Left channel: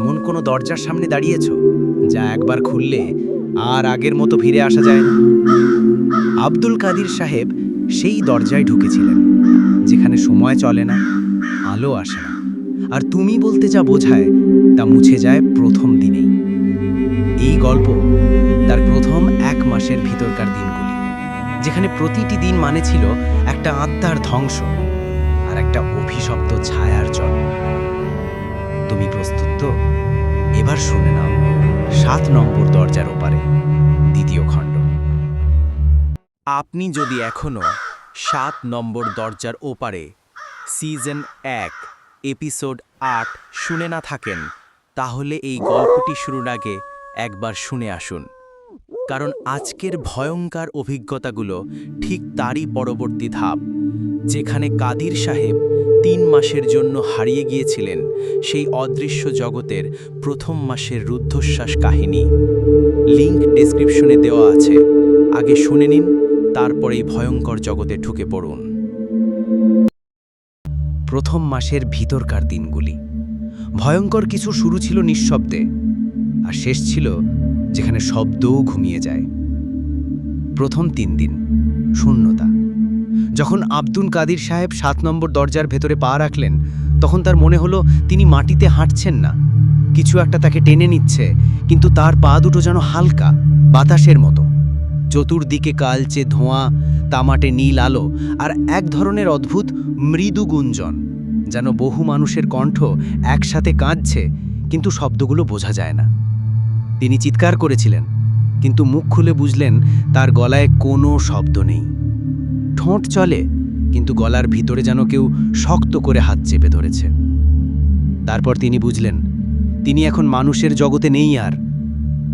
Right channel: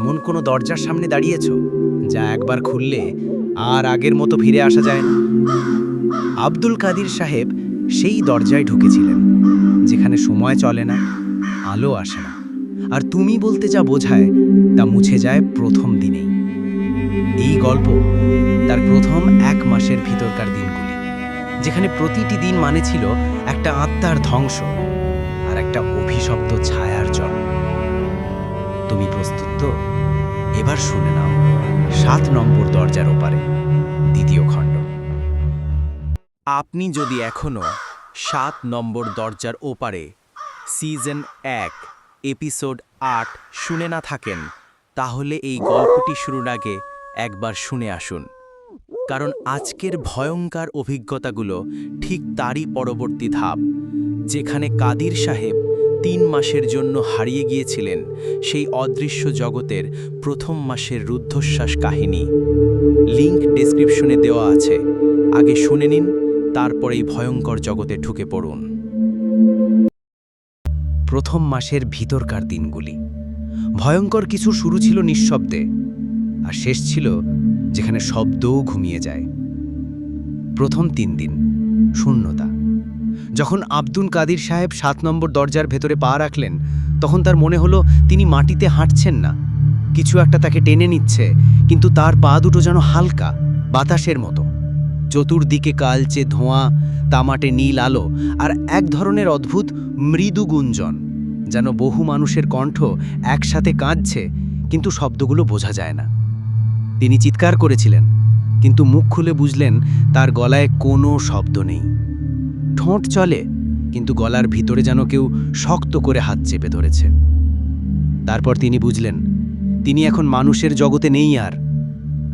এমন কোনো দরজার সামনে দাঁড়িয়েছ যা একবার খুললে আর আগের মতো ফিরে আসা যায় না? আব্দুল কাদির সাহেব সেই দরজায় ঢুকেছিলেন, যেখানে সময় চলে না, আলো আসে না, আর তুমি বলতে যা বোঝায় তা মুছে যায় প্রথম দিনেই। এই গল্প তার প্রথম 1 মাসের ভিতরকার দিনগুলি, যেখানে প্রতিটি দিন মানে ছিল একটা আত্মার ধ্বংস আর একটা অভিশপ্ত ছায়ার জন্ম। তুমি প্রস্তুত তো? এবার শুনে নাও 7 নম্বর দরজার ওপারে, দ্বিতীয় খণ্ড। আপনি যদি এখনও 7 নম্বর দরজার ওপারে সিজন 1 এপিসোড 8 শুনে না থাকেন, তাহলে এই গল্পটি শুরুর আগে একবার শুনে আসুন, কারণ আজকের ভয়ঙ্কর অভিজ্ঞতাগুলো ঠিক তারই পরবর্তী ধাপ, যেখানে কাদির সাহেব 3 মাসের জন্য হারিয়ে গিয়েছিলেন সেই অদৃশ্য জগতের প্রথম মাসের রুদ্ধশ্বাস কাহিনী। লিংক ডেসক্রিপশনে দেওয়া আছে, আগে শুনে নিন, তারপর এই ভয়ঙ্কর জগতে ঢুকে পড়ুন। প্রথম মাসের ভিতরকার দিনগুলি ভয়ঙ্কর কিছু শুরু ছিল নিঃশব্দে, আর শেষ ছিল যেখানে শব্দও ঘুমিয়ে যায়। প্রথম 3 দিন শূন্যতা। যখন আব্দুল কাদির সাহেব 7 নম্বর দরজার ভেতরে পা রাখলেন, তখন তার মনে হলো তিনি মাটিতে হাঁটছেন না, কিছু একটা তাকে টেনে নিচ্ছে, কিন্তু তার পা দুটো যেন হালকা বাতাসের মতো। চতুর্দিকে কালচে ধোঁয়া, তামাটে নীল আলো, আর এক ধরনের অদ্ভুত মৃদু গুঞ্জন, যেন বহু মানুষের কণ্ঠ একসাথে কাঁদছে, কিন্তু শব্দগুলো বোঝা যায় না। তিনি চিৎকার করেছিলেন, কিন্তু মুখ খুলে বুঝলেন তার গলায় কোনো শব্দ নেই। ঠোঁট চলে, কিন্তু গলার ভিতরে যেন কেউ শক্ত করে হাত চেপে ধরেছে। তারপর তিনি বুঝলেন তিনি এখন মানুষের জগতে নেই,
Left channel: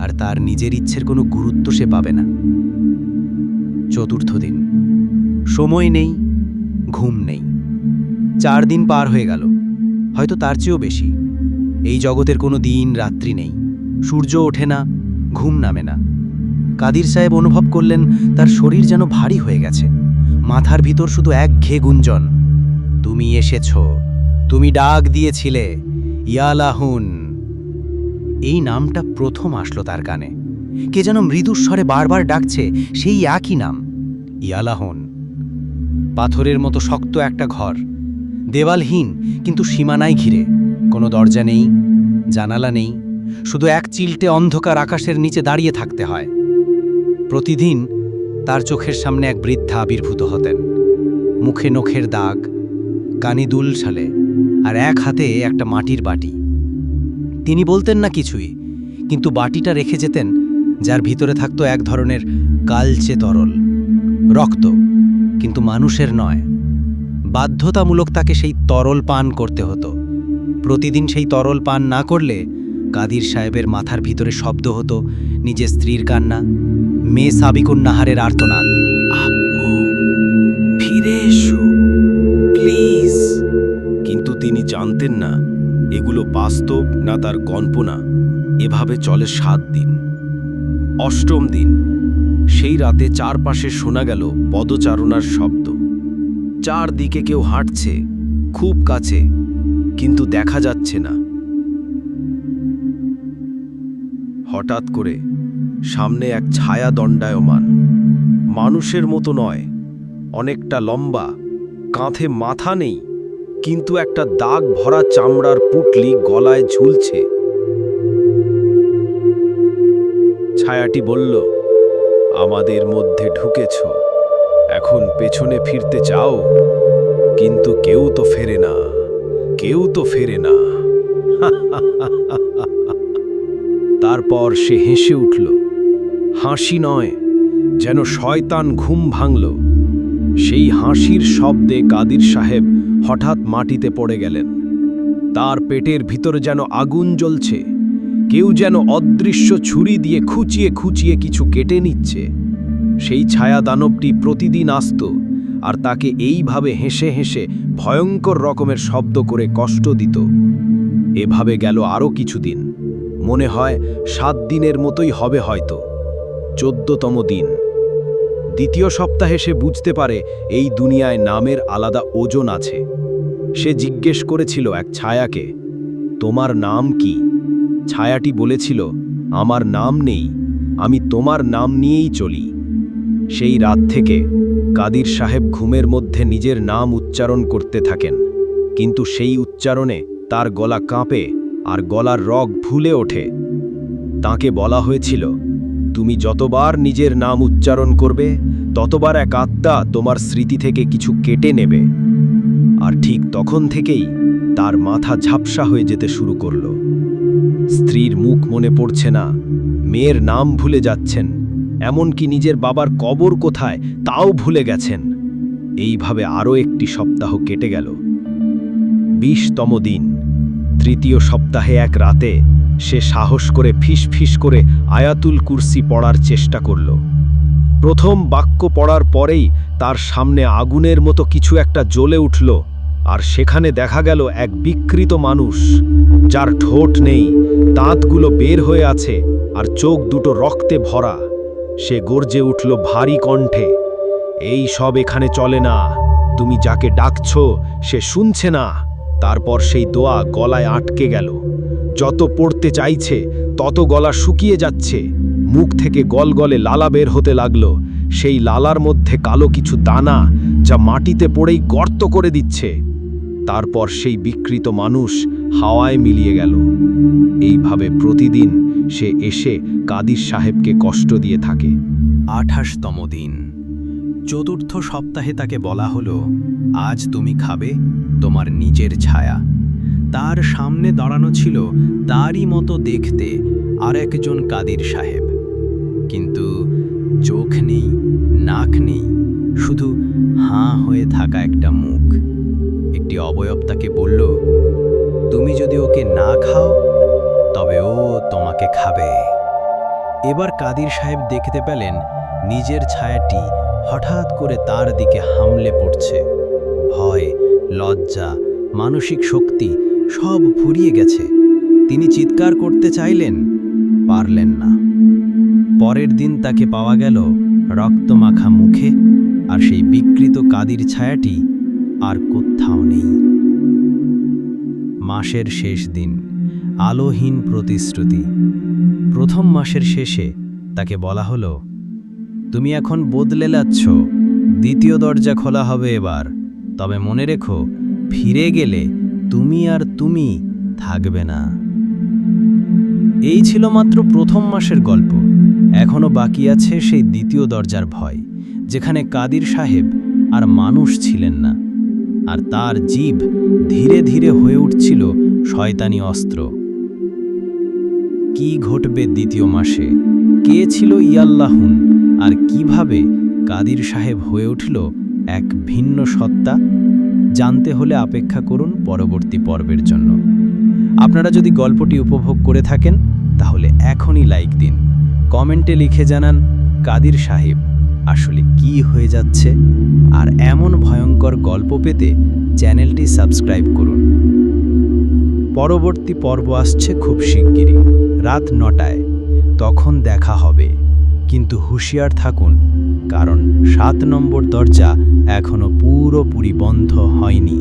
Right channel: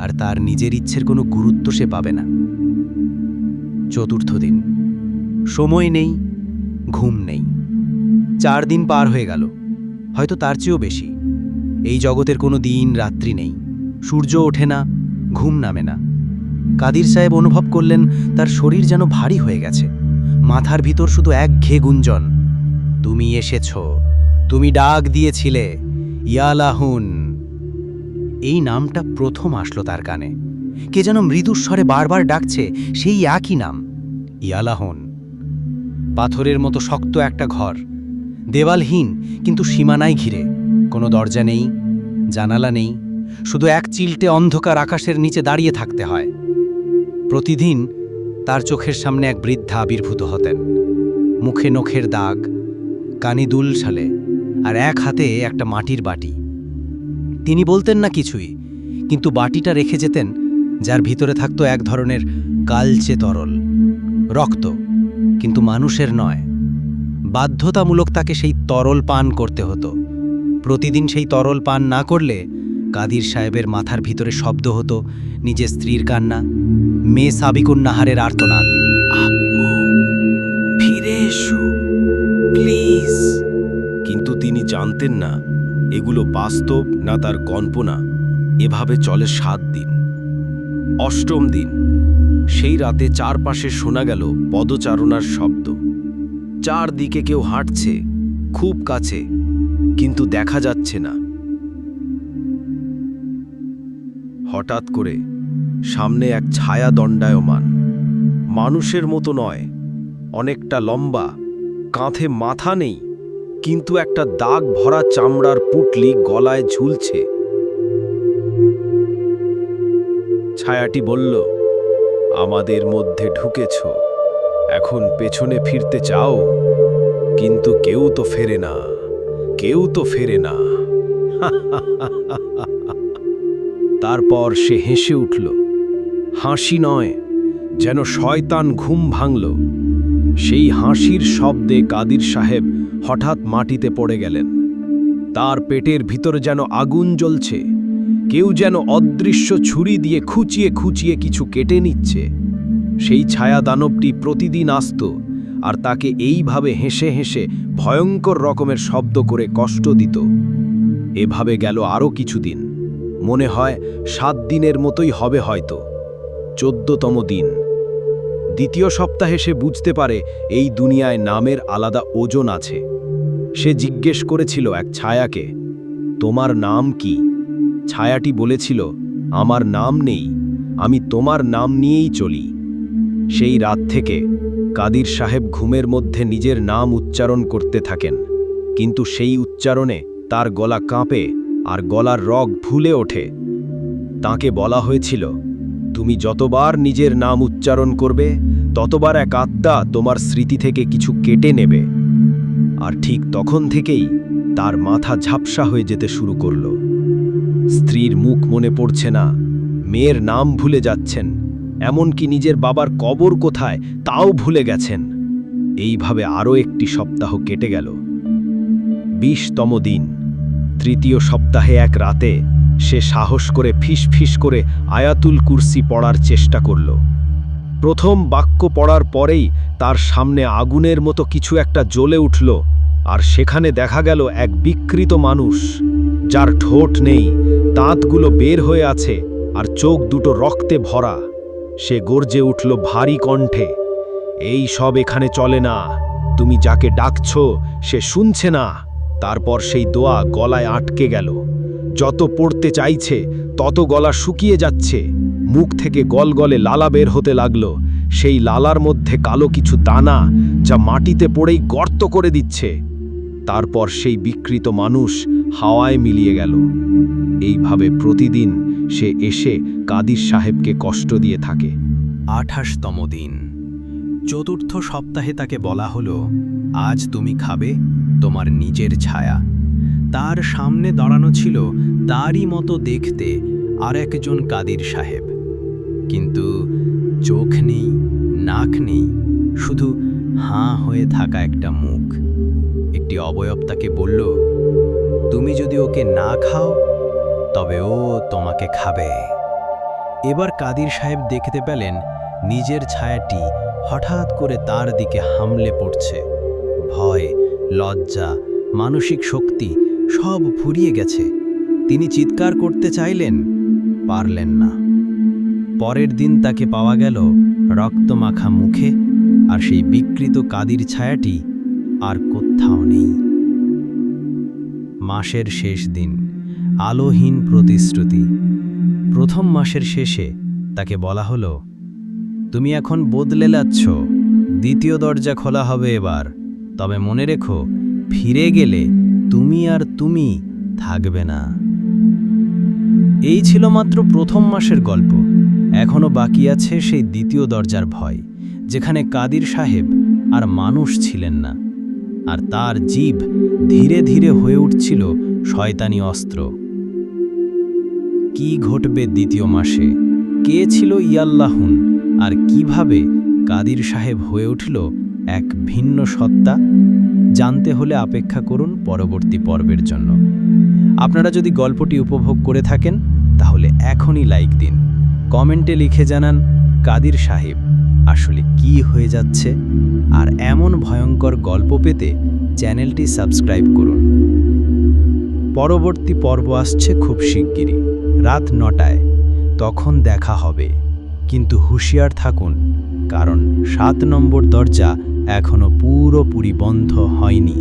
আর তার নিজের ইচ্ছের কোনো গুরুত্ব সে পাবে না। চতুর্থ দিন। সময় নেই, ঘুম নেই। 4 দিন পার হয়ে গেল, হয়তো তার চেয়েও বেশি। এই জগতের কোনো দিন রাত্রি নেই, সূর্য ওঠে না, ঘুম নামে না। কাদির সাহেব অনুভব করলেন তার শরীর যেন ভারী হয়ে গেছে। মাথার ভিতর শুধু একঘেয়ে গুঞ্জন, তুমি এসেছ, তুমি ডাক দিয়েছিলে, ইয়ালাহুন। এই নামটা প্রথম আসলো তার কানে। কে যেন মৃদুস্বরে বারবার ডাকছে সেই একই নাম, ইয়ালাহুন। পাথরের মতো শক্ত একটা ঘর, দেওয়ালহীন, কিন্তু সীমানায় ঘিরে। কোনো দরজা নেই, জানালা নেই, শুধু এক চিলটে অন্ধকার আকাশের নিচে দাঁড়িয়ে থাকতে হয়। প্রতিদিন তার চোখের সামনে এক বৃদ্ধা আবির্ভূত হতেন, মুখে নখের দাগ, কানে দুল ছালে, আর এক হাতে একটা মাটির বাটি। তিনি বলতেন না কিছুই, কিন্তু বাটিটা রেখে যেতেন, যার ভিতরে থাকতো এক ধরনের কালচে তরল, রক্ত, কিন্তু মানুষের নয়। বাধ্যতামূলক তাকে সেই তরল পান করতে হতো। প্রতিদিন সেই তরল পান না করলে কাদির সাহেবের মাথার ভিতরে শব্দ হতো নিজের স্ত্রীর কান্না, মেয়ে সাবিকুন নাহারের আর্তনাদ, আব্বু ফিরে এসো প্লিজ। কিন্তু তিনি জানতেন না এগুলো বাস্তব না তার কল্পনা। এভাবে চলে 7 দিন। 8ম দিন। সেই রাতে চারপাশে শোনা গেল পদচারণার শব্দ। চারদিকে কেউ হাঁটছে, খুব কাছে, কিন্তু দেখা যাচ্ছে না। হঠাৎ করে সামনে এক ছায়া দণ্ডায়মান, মানুষের মতো নয়, অনেকটা লম্বা, কাঁধে মাথা নেই, কিন্তু একটা দাগ ভরা চামড়ার পুটলি গলায় ঝুলছে। ছায়াটি বলল, আমাদের মধ্যে ঢুকেছ, এখন পেছনে ফিরতে চাও? কিন্তু কেউ তো ফেরে না, কেউ তো ফেরে না। তারপর সে হেসে উঠল, হাসি নয়, যেন শয়তান ঘুম ভাঙল। সেই হাসির শব্দে কাদির সাহেব হঠাৎ মাটিতে পড়ে গেলেন। তার পেটের ভিতরে যেন আগুন জ্বলছে, কেউ যেন অদৃশ্য ছুরি দিয়ে খুঁচিয়ে খুঁচিয়ে কিছু কেটে নিচ্ছে। সেই ছায়া দানবটি প্রতিদিন আসত, আর তাকে এইভাবে হেসে হেসে ভয়ঙ্কর রকমের শব্দ করে কষ্ট দিত। এভাবে গেল আরও কিছুদিন। মনে হয় 7 দিনের মতোই হবে হয়তো। 14তম দিন। 2য় সপ্তাহে সে বুঝতে পারে এই দুনিয়ায় নামের আলাদা ওজন আছে। সে জিজ্ঞেস করেছিল এক ছায়াকে, তোমার নাম কি? ছায়াটি বলেছিল, আমার নাম নেই, আমি তোমার নাম নিয়েই চলি। সেই রাত থেকে কাদির সাহেব ঘুমের মধ্যে নিজের নাম উচ্চারণ করতে থাকেন, কিন্তু সেই উচ্চারণে তার গলা কাঁপে আর গলার রগ ফুলে ওঠে। তাকে বলা হয়েছিল, তুমি যতবার নিজের নাম উচ্চারণ করবে ততবার এক আত্মা তোমার স্মৃতি থেকে কিছু কেটে নেবে। আর ঠিক তখন থেকেই তার মাথা ঝাপসা হয়ে যেতে শুরু করল। স্ত্রীর মুখ মনে পড়ছে না, মেয়ের নাম ভুলে যাচ্ছেন, এমনকি নিজের বাবার কবর কোথায় তাও ভুলে গেছেন। এইভাবে আরও একটি সপ্তাহ কেটে গেল। 20তম দিন, 3য় সপ্তাহে এক রাতে সে সাহস করে ফিস করে আয়াতুল কুরসি পড়ার চেষ্টা করল। প্রথম বাক্য পড়ার পরেই তার সামনে আগুনের মতো কিছু একটা জ্বলে উঠল, আর সেখানে দেখা গেল এক বিকৃত মানুষ, যার ঠোঁট নেই, দাঁতগুলো বের হয়ে আছে আর চোখ দুটো রক্তে ভরা। সে গর্জে উঠল ভারী কণ্ঠে, এই সব এখানে চলে না, তুমি যাকে ডাকছ সে শুনছে না। তারপর সেই দোয়া গলায় আটকে গেল। যত পড়তে চাইছে তত গলা শুকিয়ে যাচ্ছে, মুখ থেকে গলগলে লালা বের হতে লাগল। সেই লালার মধ্যে কালো কিছু দানা, যা মাটিতে পড়েই গর্ত করে দিচ্ছে। তারপর সেই বিকৃত মানুষ হাওয়ায় মিলিয়ে গেল। এইভাবে প্রতিদিন সে এসে কাদির সাহেবকে কষ্ট দিয়ে থাকে। 28তম দিন, 4র্থ সপ্তাহে তাকে বলা হলো, আজ তুমি খাবে তোমার নিজের ছায়া। তার সামনে দাঁড়ানো ছিল তারই মতো দেখতে আর একজন কাদির সাহেব, কিন্তু চোখ নেই, নাক নেই, শুধু হাঁ হয়ে থাকা একটা মুখ। একটি অবয়ব তাকে বলল, তুমি যদি ওকে না খাও তবে ও তোমাকে খাবে। এবার কাদির সাহেব দেখতে পেলেন নিজের ছায়াটি হঠাৎ করে তার দিকে হামলে পড়ছে। ভয়, লজ্জা, মানসিক শক্তি সব ফুরিয়ে গেছে। তিনি চিৎকার করতে চাইলেন, পারলেন না। পরের দিন তাকে পাওয়া গেল রক্তমাখা মুখে, আর সেই বিকৃত কাদির ছায়াটি আর কোথাও নেই। মাসের শেষ দিন, আলোহীন প্রতিশ্রুতি। প্রথম মাসের শেষে তাকে বলা হলো, তুমি এখন বদলে যাচ্ছ, 2য় দরজা খোলা হবে এবার, তবে মনে রেখো, ফিরে গেলে তুমি আর তুমি থাকবে না। এই ছিল মাত্র প্রথম মাসের গল্প। এখনো বাকি আছে সেই 2য় দরজার ভয়, যেখানে কাদির সাহেব আর মানুষ ছিলেন না, আর তার জিভ ধীরে ধীরে হয়ে উঠছিল শয়তানি অস্ত্র। কি ঘটবে 2য় মাসে? কে ছিল ইয়াল্লাহুন, আর কিভাবে কাদির সাহেব হয়ে উঠল এক ভিন্ন সত্তা? জানতে হলে অপেক্ষা করুন পরবর্তী পর্বের জন্য। আপনারা যদি গল্পটি উপভোগ করে থাকেন তাহলে এখনই লাইক দিন, কমেন্টে লিখে জানান কাদির সাহেব আসলে কি হয়ে যাচ্ছে। আর এমন ভয়ঙ্কর গল্প পেতে চ্যানেলটি সাবস্ক্রাইব করুন। পরবর্তী পর্ব আসছে খুব শিগগিরই, রাত 9টায়। তখন দেখা হবে, কিন্তু হুঁশিয়ার থাকুন, কারণ 7 নম্বর দরজা এখনো পুরোপুরি বন্ধ হয়নি।